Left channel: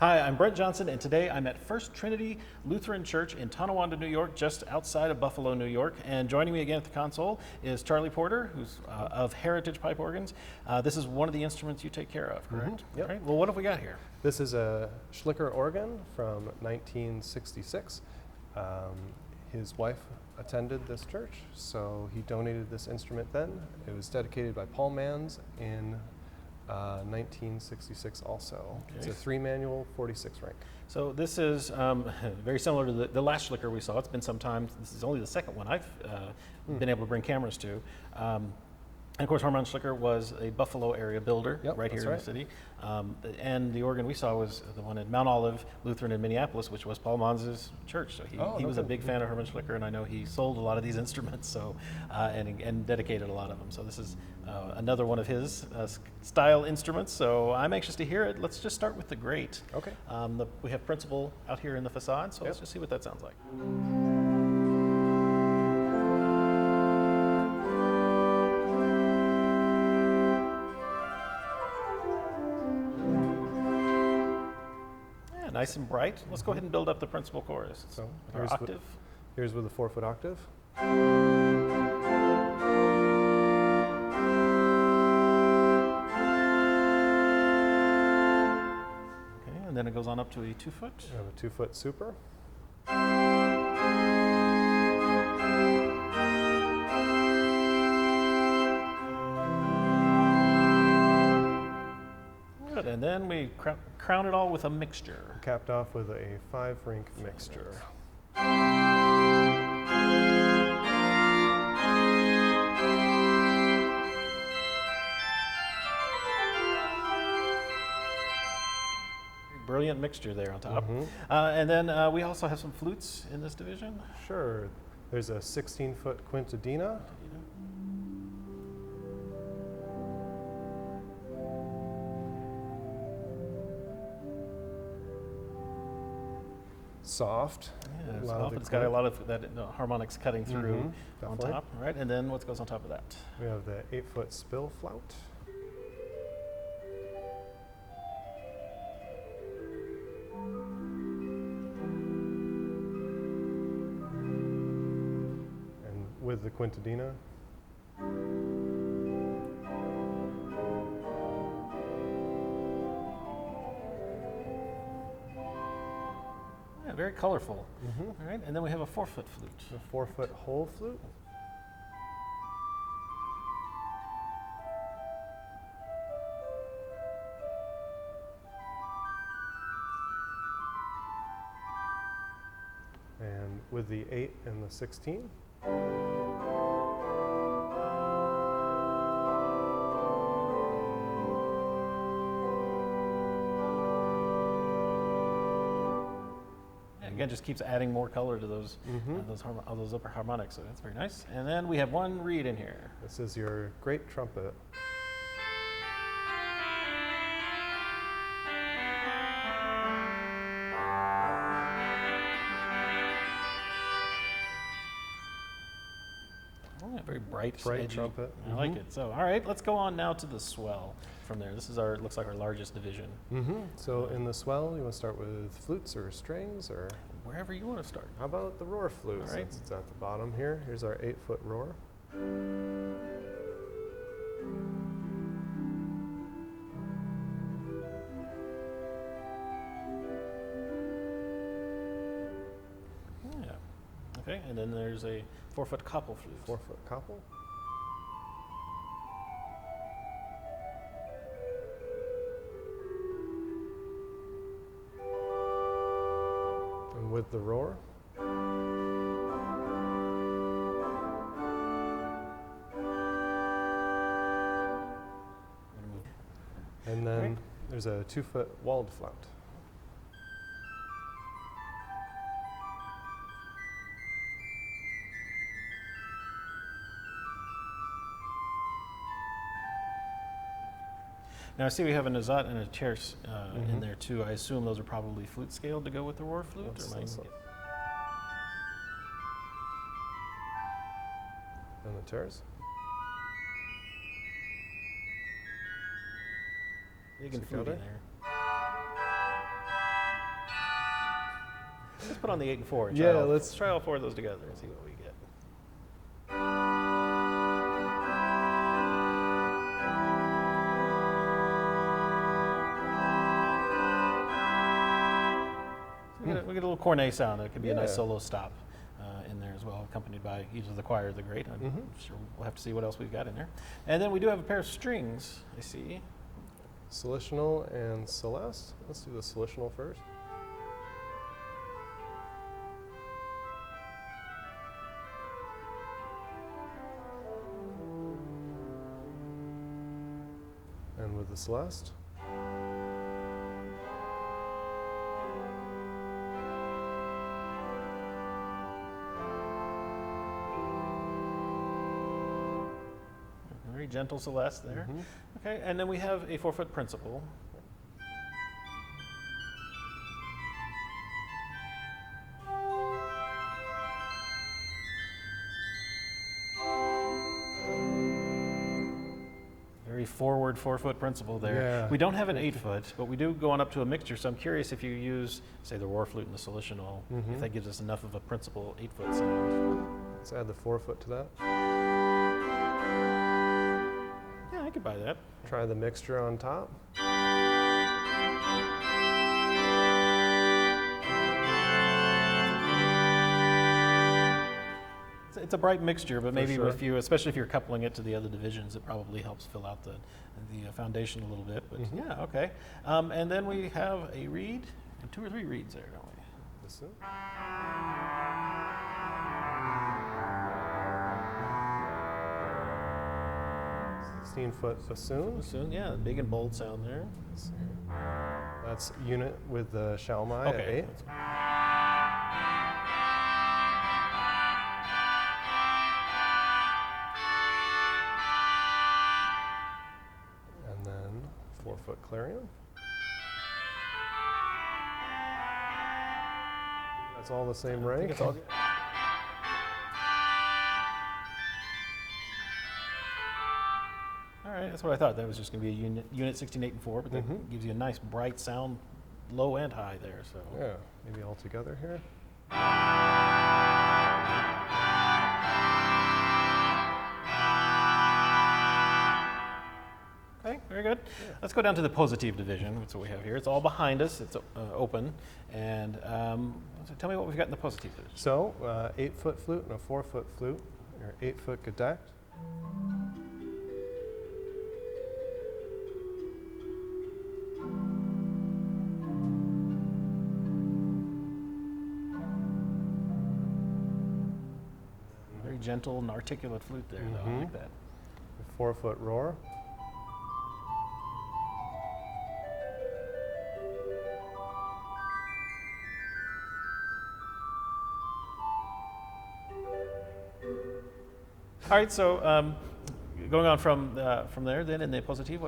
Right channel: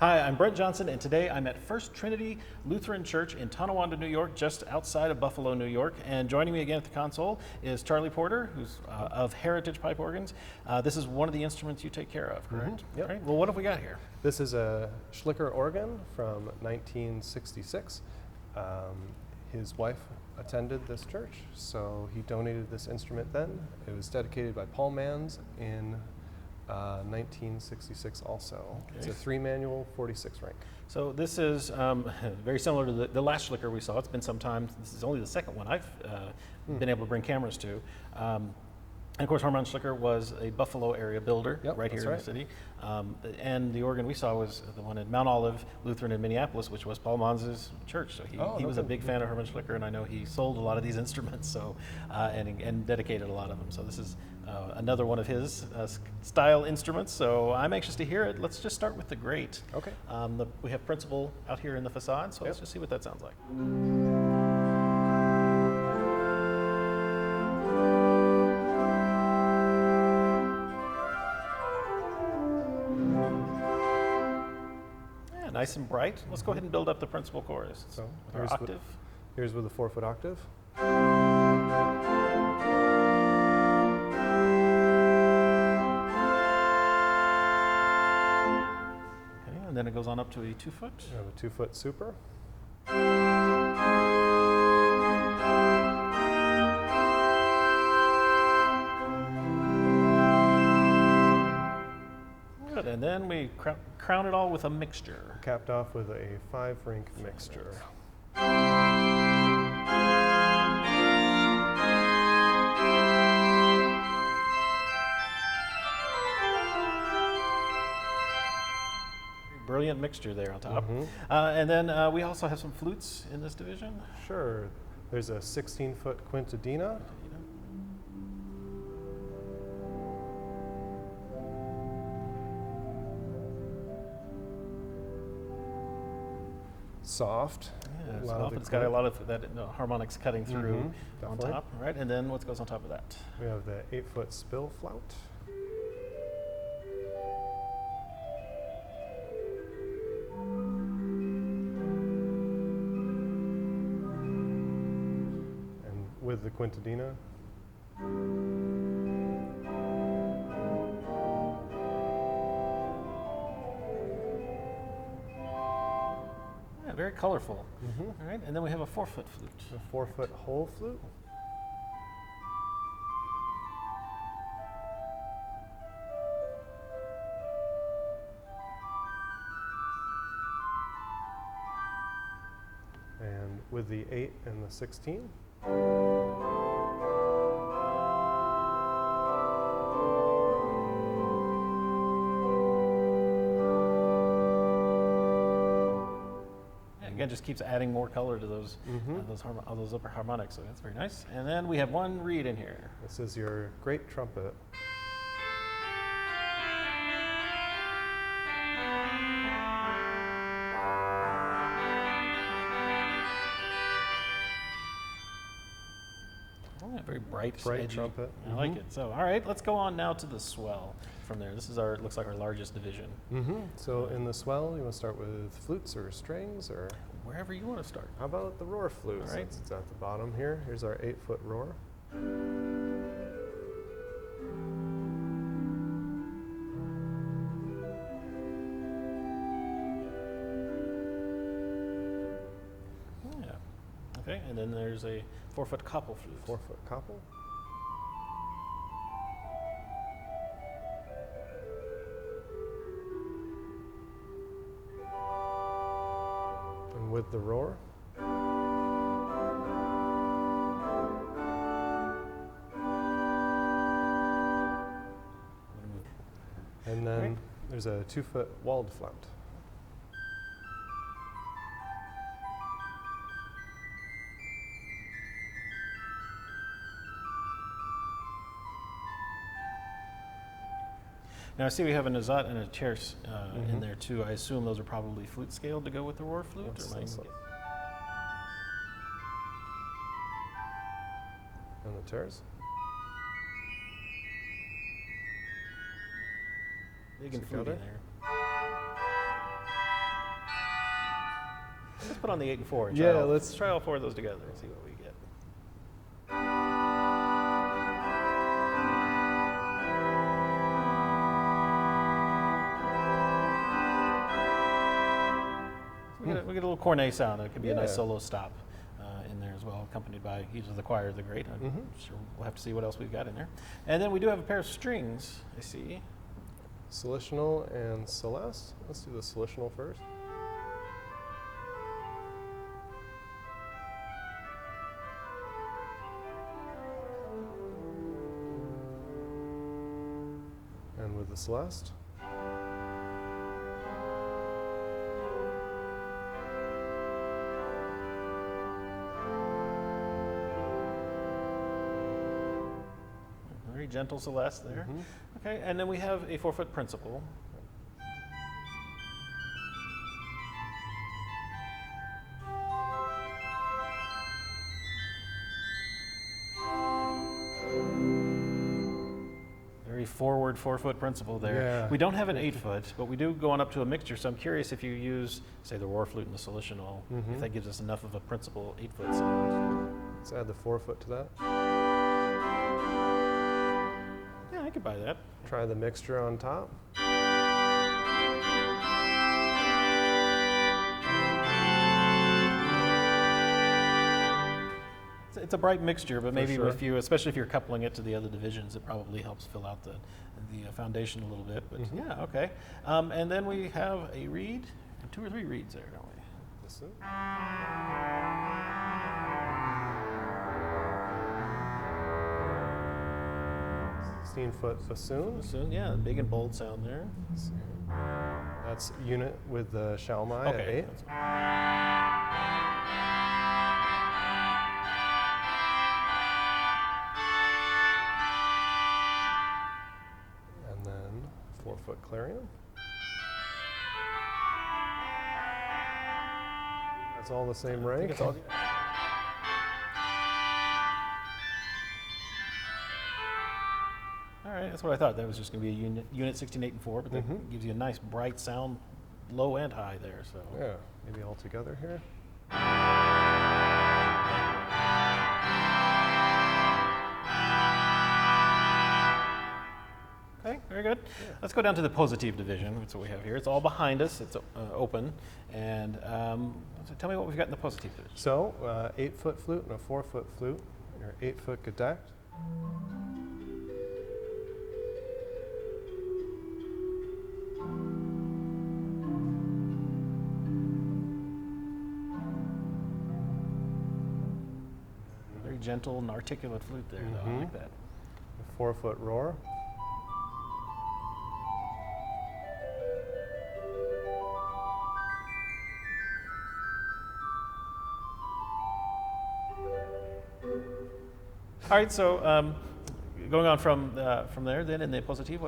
Hi, I'm Brent Johnson, and today I'm at First Trinity Lutheran Church in Tonawanda, New York, just outside of Buffalo, New York. And joining me again at the console is Charlie Porter, who's of Heritage Pipe Organs. This is one of the instruments you take care of, correct? Yep. All right. Well, what have we got here? This is a Schlicker organ from 1966. His wife attended this church, so he donated this instrument then. It was dedicated by Paul Manns in 1966 also. Okay. It's a 3-manual 46 rank. So this is very similar to the last Schlicker we saw. It's been some time. This is only the second one I've been able to bring cameras to. And of course, Harmon Schlicker was a Buffalo area builder right here in the city. And the organ we saw was the one at Mount Olive Lutheran in Minneapolis, which was Paul Manns' church. So he was a big fan of Herman Schlicker, and I know he sold a lot of these instruments and dedicated a lot of them. So this is another one of his style instruments. So I'm anxious to hear it. Let's just start with the grate. Okay. We have principal out here in the facade, so let's just see what that sounds like. Nice and bright. Let's go ahead and build up the principal chorus. So our octave. Here's with a 4-foot octave. Okay, and then it goes on up to a 2-foot. We have a 2-foot super. And then we crown it all with a mixture. Capped off with a 5-rank mixture. Brilliant mixture there on top. And then we also have some flutes in this division. Sure. There's a 16-foot quintadina. Soft. Yeah, soft. It's got a lot of that harmonics cutting through on top, right? And then what goes on top of that? We have the 8-foot spill flout. And with the quintadina. Very colorful. All right, and then we have a 4-foot flute. A 4-foot whole flute. And with the 8 and the 16. Again, just keeps adding more color to those upper harmonics, so that's very nice. And then we have one reed in here. This is your great trumpet. Very bright edgy trumpet. I like it. So, all right, let's go on now to the swell from there. This is looks like our largest division. So in the swell, you want to start with flutes or strings, or wherever you want to start. How about the roar flute? All right. Since it's at the bottom here. Here's our 8-foot roar. Okay, and then there's a 4-foot koppel flute. 4-foot koppel. And with the roar. And then there's a 2-foot walled flout. Now I see we have a nazat and a tierce in there too. I assume those are probably flute scaled to go with the roar flute? Yes, or and the tierce. Big and fruity there. Let's put on the 8 and 4. And Yeah, let's try all 4 of those together and see what we get. We get a little cornet sound. It could be a nice solo stop in there as well, accompanied by either the choir or the grate. I'm sure we'll have to see what else we've got in there. And then we do have a pair of strings, I see. Solitional and Celeste. Let's do the solitional first. And with the Celeste. Very gentle Celeste there. Okay, and then we have a 4-foot principal. Very forward 4-foot principal there. Yeah. We don't have an 8-foot, but we do go on up to a mixture. So I'm curious if you use, say, the roar flute and the solitional, if that gives us enough of a principal 8-foot sound. Let's add the 4-foot to that. Yeah, I could buy that. Try the mixture on top. It's a bright mixture, but maybe if you, especially if you're coupling it to the other divisions, it probably helps fill out the foundation a little bit. But yeah, okay. And then we have a reed, and 2 or 3 reeds there, don't we? Bassoon. Foot bassoon. Bassoon, yeah, big and bold sound there. That's unit with the Shalmai at 8. And then 4-foot clarion. That's all the same rank. All right, that's what I thought. That was just going to be a unit 16, 8, and 4, but that gives you a nice bright sound, low and high there. So yeah, maybe all together here. Okay, very good. Yeah. Let's go down to the positive division. That's what we have here. It's all behind us. It's open. And so tell me what we've got in the positive division. So 8-foot flute and a 4-foot flute, or 8-foot gedeckt. Very gentle and articulate flute there, though. I like that. A 4-foot roar. All right, so going on from there, then in the positive,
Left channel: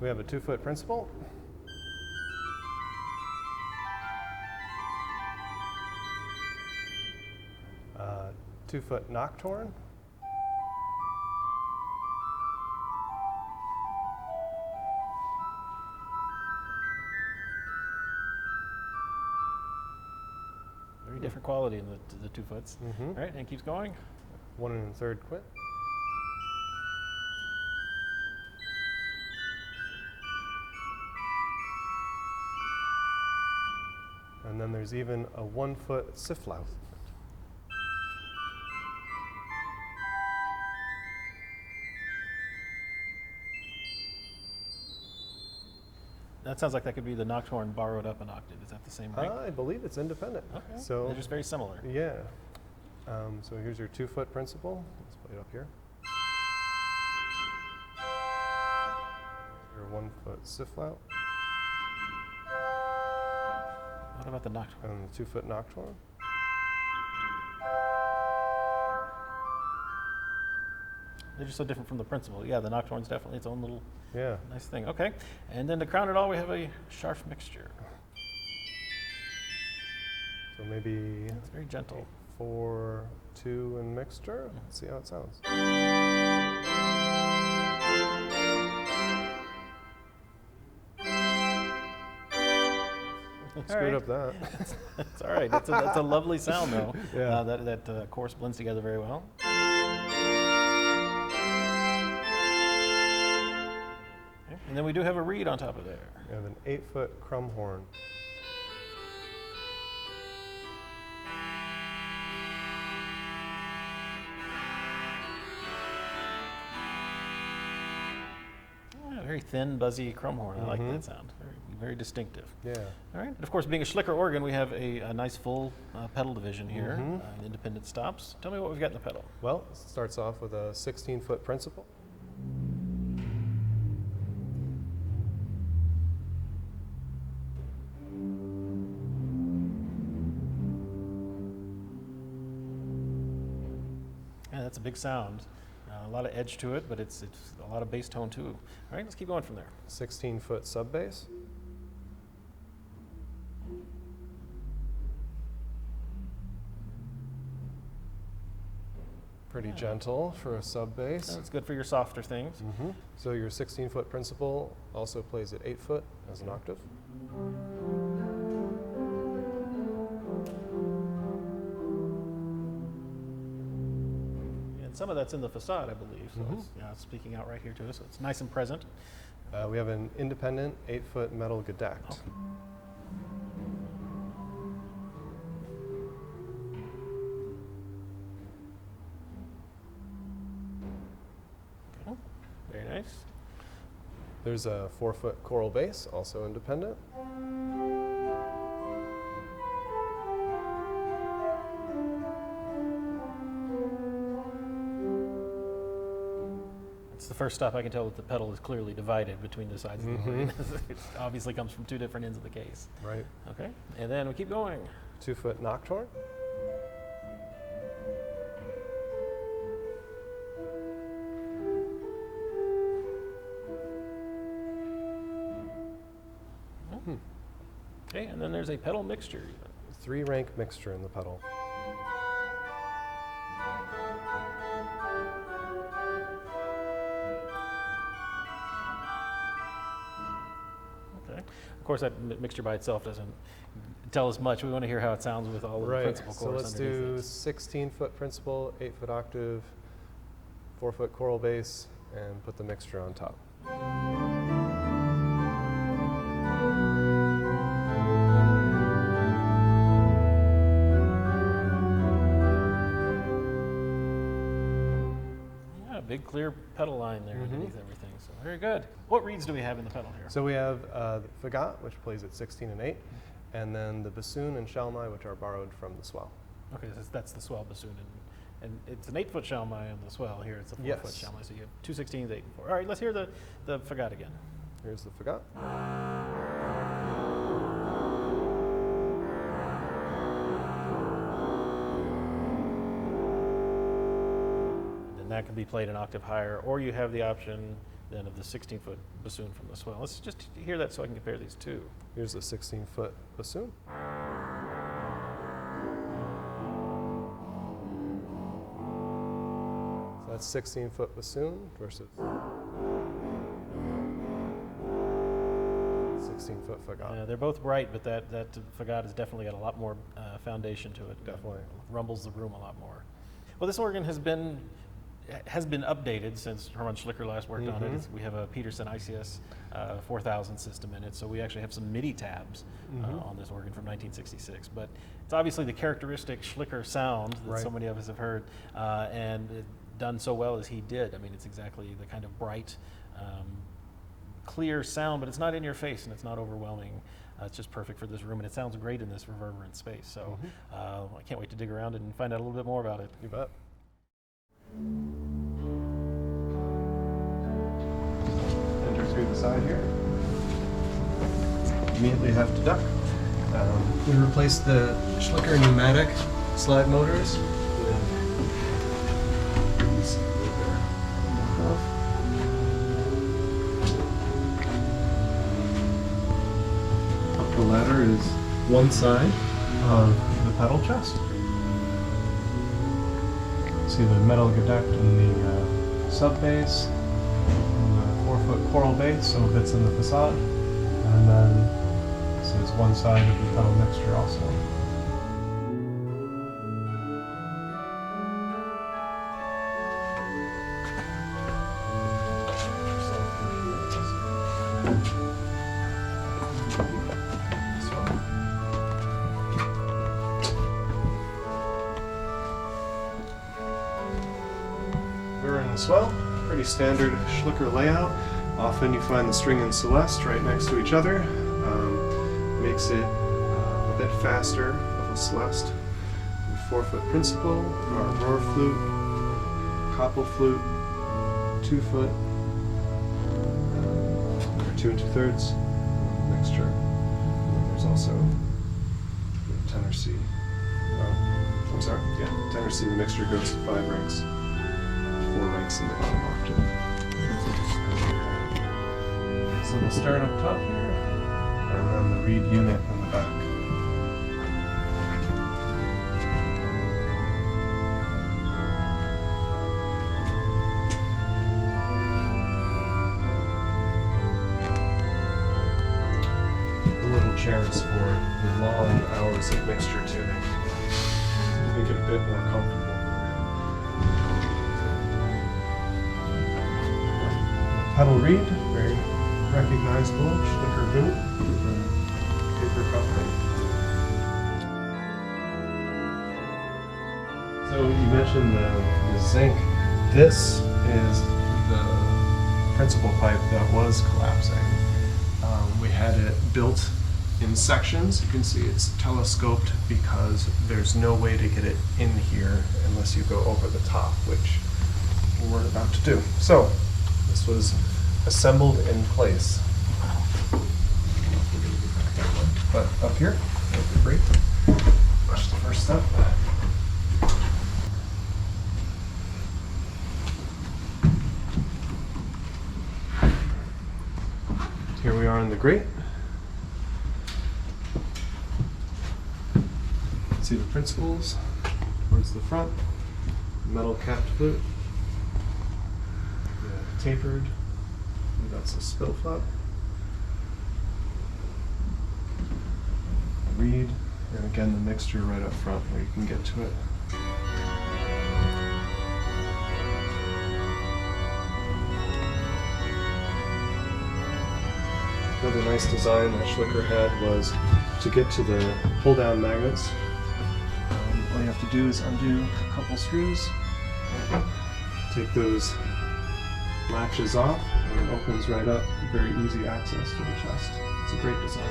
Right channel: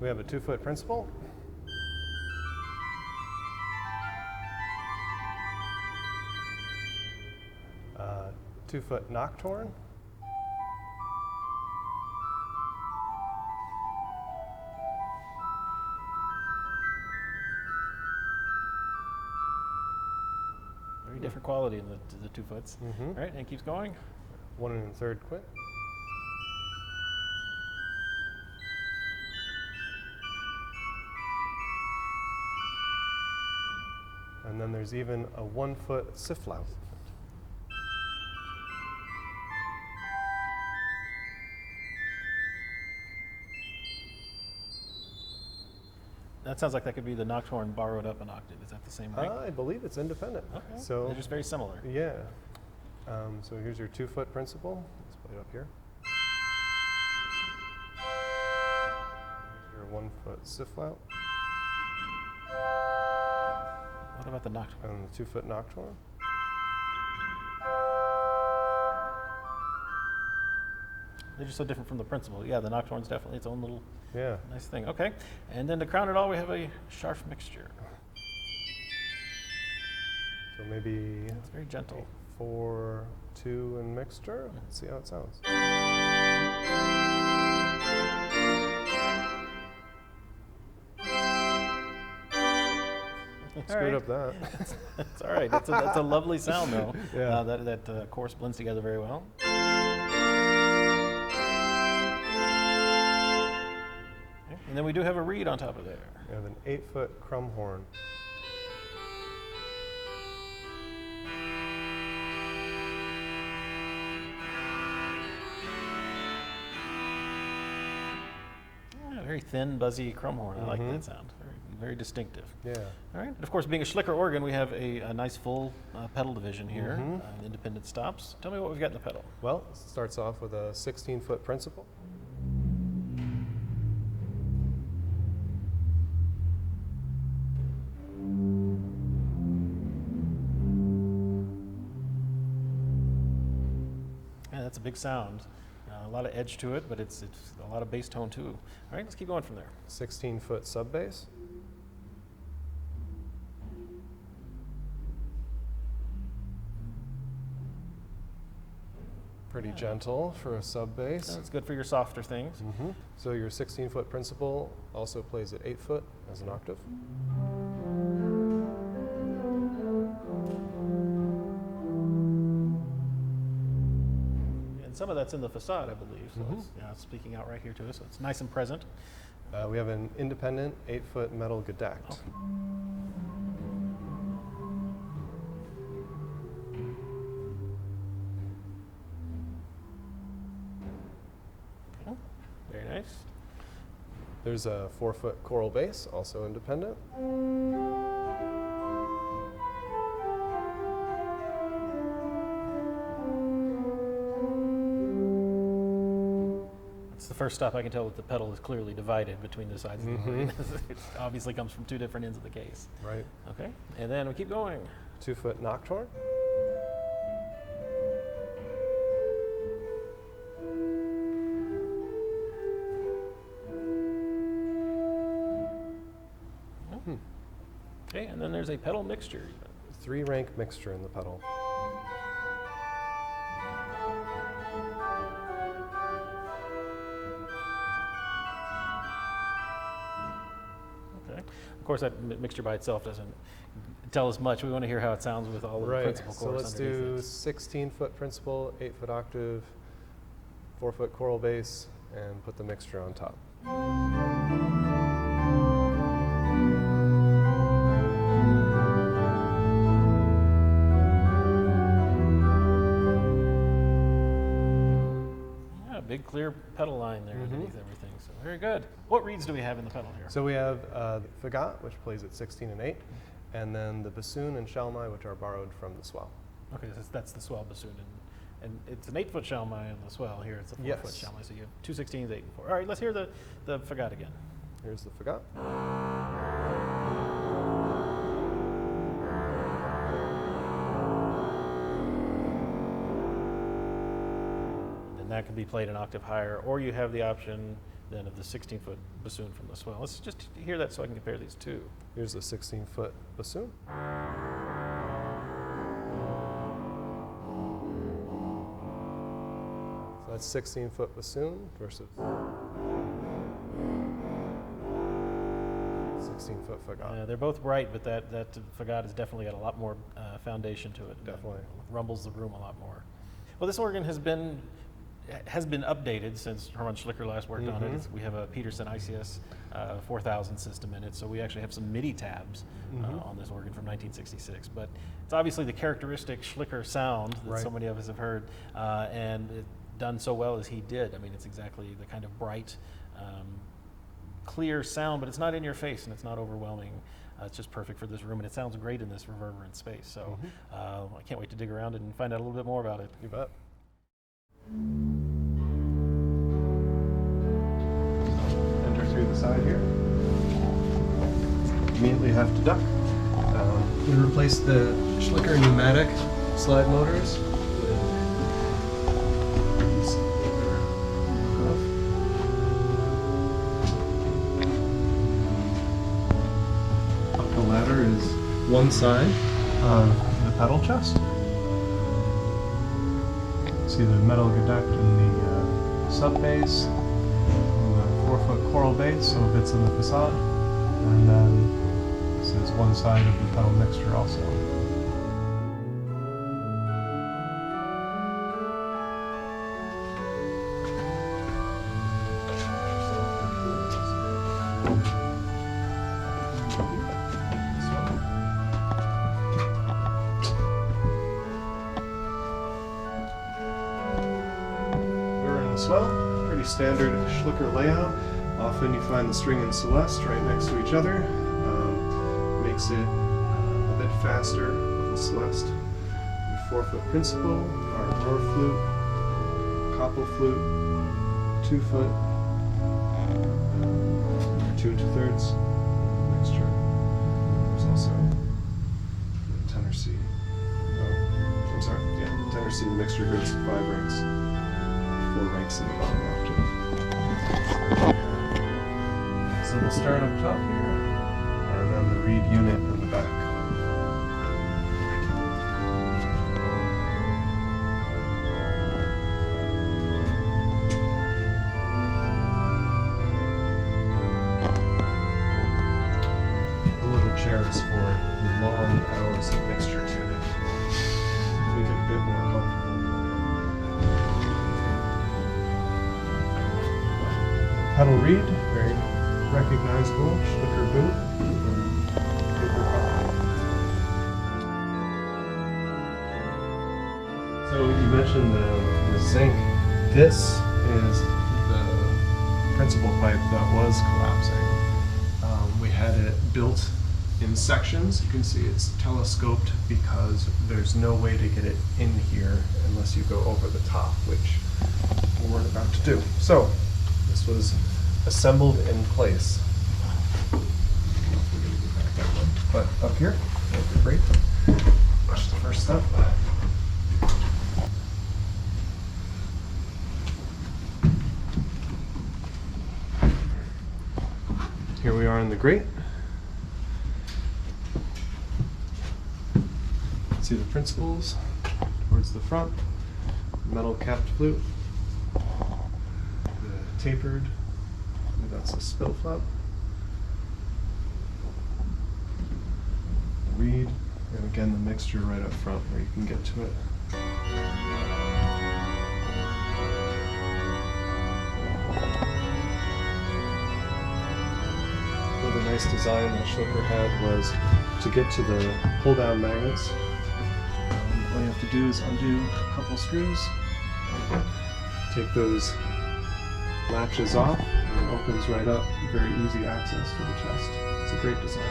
we have a 2-foot principal. Uh, 2-foot nocturne. Very different quality in the 2 foots. All right, and it keeps going. 1 1/3 quint. And then there's even a 1-foot sifflout. That sounds like that could be the nocturne borrowed up an octave. Is that the same rank? I believe it's independent. Okay. So they're just very similar. yeah. So here's your 2-foot principal. Let's play it up here. Your 1-foot sifflout. What about the nocturne? And the 2-foot nocturne. They're just so different from the principal. Yeah, the nocturne's definitely its own little nice thing. Okay, and then to crown it all, we have a Scharf mixture. So maybe It's very gentle. 4, 2, and mixture. Let's see how it sounds. Screwed up that. It's all right. That's a lovely sound, though. Yeah. That chorus blends together very well. Okay. And then we do have a reed on top of there. We have an 8-foot crumb horn. Very thin, buzzy crumb horn. I like that sound. Very, very distinctive. Yeah. All right. And of course, being a Schlicker organ, we have a nice full pedal division here, independent stops. Tell me what we've got in the pedal. Well, it starts off with a 16-foot principal. Yeah, that's a big sound. A lot of edge to it, but it's a lot of bass tone too. All right, let's keep going from there. 16-foot sub bass. Pretty gentle for a sub bass. It's good for your softer things. So your 16-foot principal also plays at 8-foot as an octave. And some of that's in the facade, I believe. So it's speaking out right here to us. So it's nice and present. We have an independent 8-foot metal gedeckt. Okay. Okay. Very nice. There's a 4-foot choral bass, also independent. It's the first stop I can tell that the pedal is clearly divided between the sides of the organ. It obviously comes from two different ends of the case. Right. Okay, and then we keep going. 2-foot nocturne. Okay, and then there's a pedal mixture even. 3-rank mixture in the pedal. Okay. Of course, that mixture by itself doesn't tell us much. We want to hear how it sounds with all of the principal So chorus let's underneath do it. 16-foot principal, 8-foot octave, 4-foot choral bass, and put the mixture on top. Yeah, big clear pedal line there underneath everything. So very good. What reeds do we have in the pedal here? So we have the fagot, which plays at 16 and 8, and then the bassoon and shalmai, which are borrowed from the swell. Okay, so that's the swell bassoon, and it's an 8-foot shalmai on the swell. Here it's a 4-foot Yes. shalmai, so you have 2 16s, 8 and 4. All right, let's hear the fagot again. Here's the fagot. And that can be played an octave higher, or you have the option then of the 16-foot bassoon from the swell. Let's just hear that so I can compare these two. Here's the 16-foot bassoon. So that's 16-foot bassoon versus 16-foot fagot. They're both bright, but that fagot has definitely got a lot more foundation to it. Definitely. Rumbles the room a lot more. Well, this organ has been updated since Hermann Schlicker last worked on it. We have a Peterson ICS 4000 system in it, so we actually have some MIDI tabs on this organ from 1966. But it's obviously the characteristic Schlicker sound that so many of us have heard, and it done so well as he did. I mean, it's exactly the kind of bright, clear sound, but it's not in your face and it's not overwhelming. It's just perfect for this room, and it sounds great in this reverberant space. So I can't wait to dig around and find out a little bit more about it. You bet. Enter through the side here. Immediately have to duck. We replaced the Schlicker pneumatic slide motors with these that are knockoff. Up the ladder is one side of the pedal chest. See the metal gedeckt in the sub bass, and the 4-foot choral bass, so it fits in the facade, and then this is one side of the pedal mixture also. As well, pretty standard Schlicker layout. Often you find the string and celeste right next to each other. Makes it a bit faster of a celeste. 4-foot principal, our roar flute, couple flute, 2-foot, or 2 2/3 mixture. And there's also tenor C. Oh, I'm sorry. Yeah, tenor C. The mixture goes 5 ranks. 4 ranks in the bottom octave. So the stern up top here, and then the reed unit in the back. The little chair is for the long hours of mixture tuning. Make it a bit more comfortable. Pedal reed, very recognizable, Schlicker boot, paper copy. So you mentioned the zinc. This is the principal pipe that was collapsing. We had it built in sections. You can see it's telescoped because there's no way to get it in here unless you go over the top, which we're about to do. So this was assembled in place. But up here, that'd be great. Push the first step. Here we are in the grate. See the principals towards the front. Metal capped flute. The tapered. That's a spill flap. Reed, and again the mixture right up front where you can get to it. Another nice design that Schlicker had was to get to the pull-down magnets. All you have to do is undo a couple screws, take those latches off, and it opens right up. Very easy access to the chest. It's a great design.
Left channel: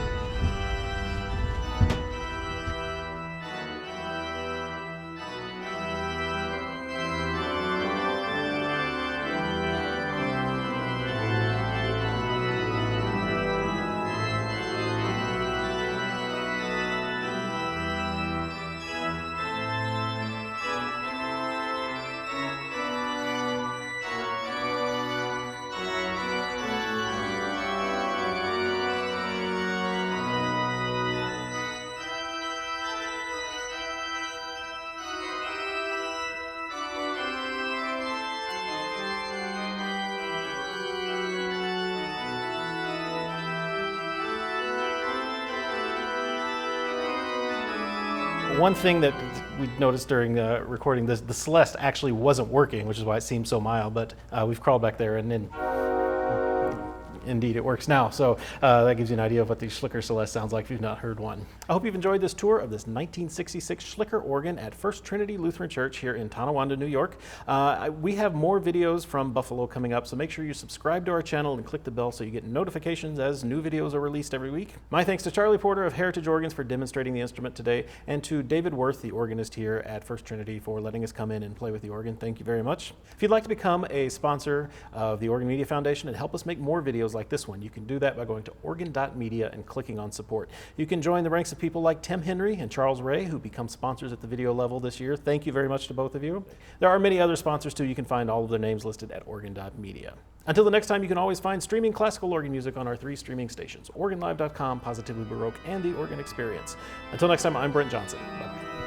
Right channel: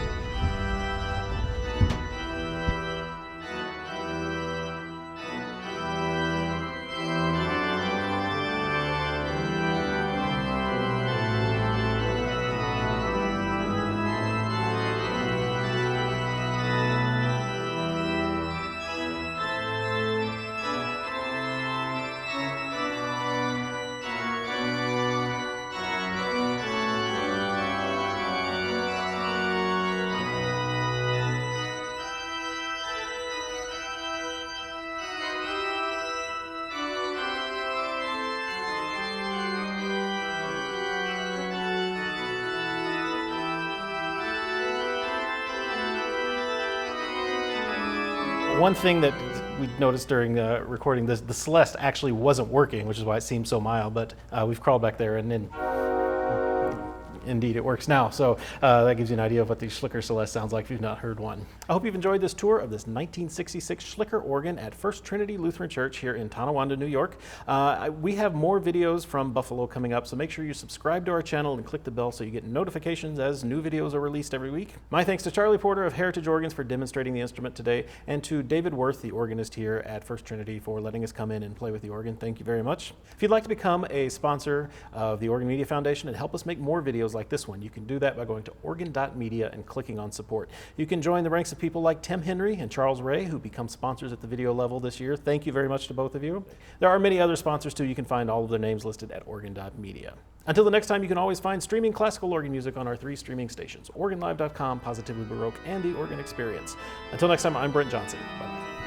One thing that we noticed during recording this, the Celeste actually wasn't working, which is why it seemed so mild, but we've crawled back there and then indeed it works now. So that gives you an idea of what the Schlicker Celeste sounds like if you've not heard one. I hope you've enjoyed this tour of this 1966 Schlicker organ at First Trinity Lutheran Church here in Tonawanda, New York. We have more videos from Buffalo coming up, so make sure you subscribe to our channel and click the bell so you get notifications as new videos are released every week. My thanks to Charlie Porter of Heritage Organs for demonstrating the instrument today, and to David Worth, the organist here at First Trinity, for letting us come in and play with the organ. Thank you very much. If you'd like to become a sponsor of the Organ Media Foundation and help us make more videos like this one, you can do that by going to organ.media and clicking on support. You can join the ranks of people like Tim Henry and Charles Ray, who become sponsors at the video level this year. Thank you very much to both of you. There are many other sponsors too. You can find all of their names listed at organ.media. Until the next time, you can always find streaming classical organ music on our 3 streaming stations, organlive.com, Positively Baroque, and The Organ Experience. Until next time, I'm Brent Johnson. Bye-bye.